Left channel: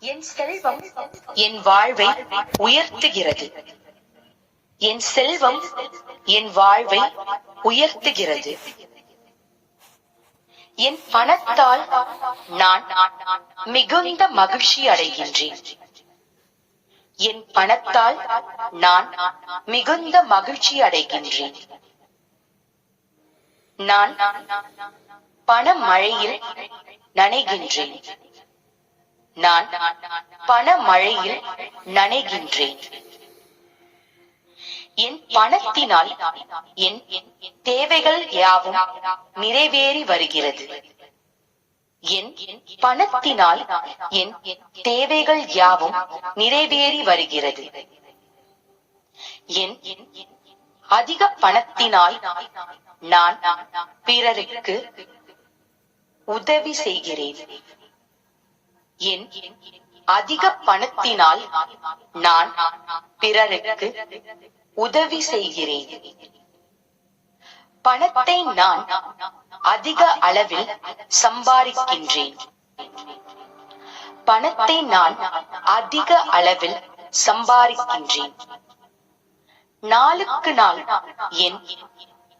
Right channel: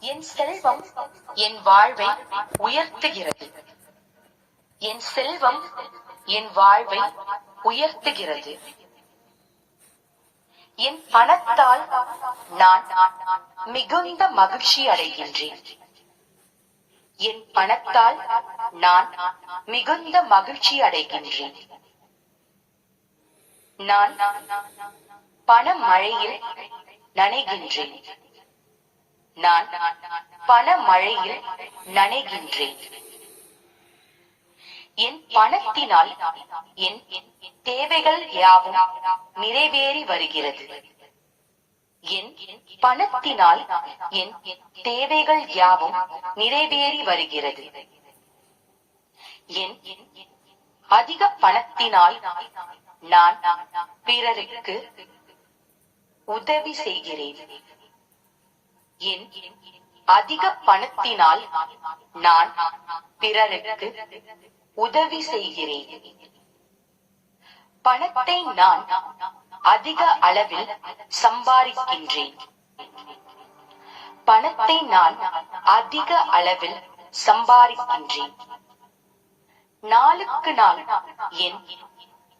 என் செல்வம் என் வாழ்வை உயர்த்துகிறது. என் செல்வம் என் வாழ்வை உயர்த்துகிறது. என் பணத்தால் நான் மிகுந்த மகிழ்ச்சி அடைகின்றேன். என் பணத்தால் நான் மிகுந்த மகிழ்ச்சி அடைகின்றேன். நான் பண மழையில் நனைகின்றேன். நான் பண மழையில் நனைகின்றேன். என் பணத்தினால் என் தேவைகள் யாவும் நிறைவேறி வருகிறது. என் பணத்தினால் என் தேவைகள் யாவும் நிறைவேறி வருகிறது. என் அதிக பணத்தினால் நான் பிறருக்கு உதவி செய்கிறேன். என் அதிக பணத்தினால் நான் பிறருக்கு உதவி செய்கிறேன். பணத்தை நான் அதிக அளவில் சம்பாதிக்கின்றேன். பணத்தை நான் அதிக அளவில் சம்பாதிக்கின்றேன். நாளுக்கு நாள் என்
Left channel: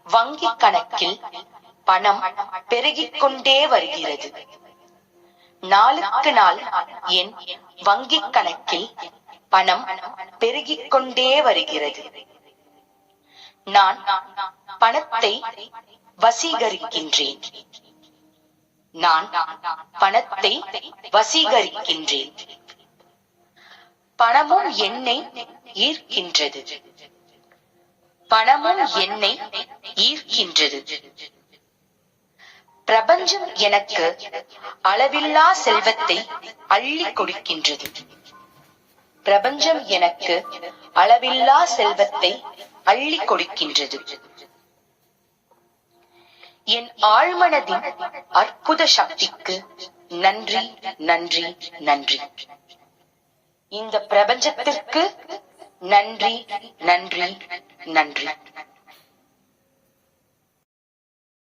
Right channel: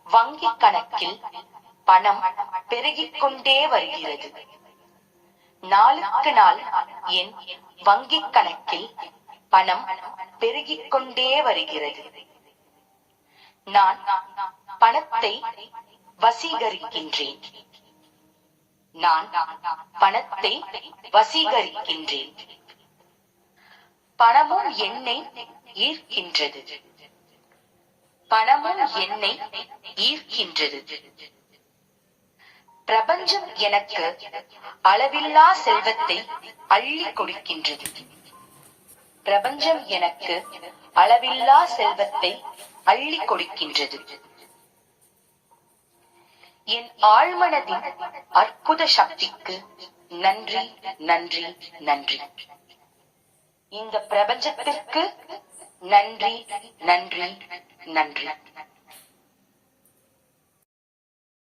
வங்கி கணக்கில் பணம் பெருகிக் கொண்டே வருகிறது. நாளுக்கு நாள் என் வங்கி கணக்கில் பணம் பெருகிக் கொண்டே வருகிறது. நான் பணத்தை வசீகரிக்கின்றேன். நான் பணத்தை வசீகரிக்கின்றேன். பணமும் என்னை ஈர்க்கின்றது. பணமும் என்னை ஈர்க்கின்றது. பிரபஞ்சம் எனக்கு அளவில்லா செல்வத்தை அள்ளி கொடுக்கின்றது. பிரபஞ்சம் எனக்கு அளவில்லா செல்வத்தை அள்ளி கொடுக்கின்றது. என் ஆழ்மனதின் அற்புத சக்திக்கு நன்றி, நன்றி, நன்றி. இந்த பிரபஞ்சத்திற்கு நன்றி, நன்றி, நன்றி.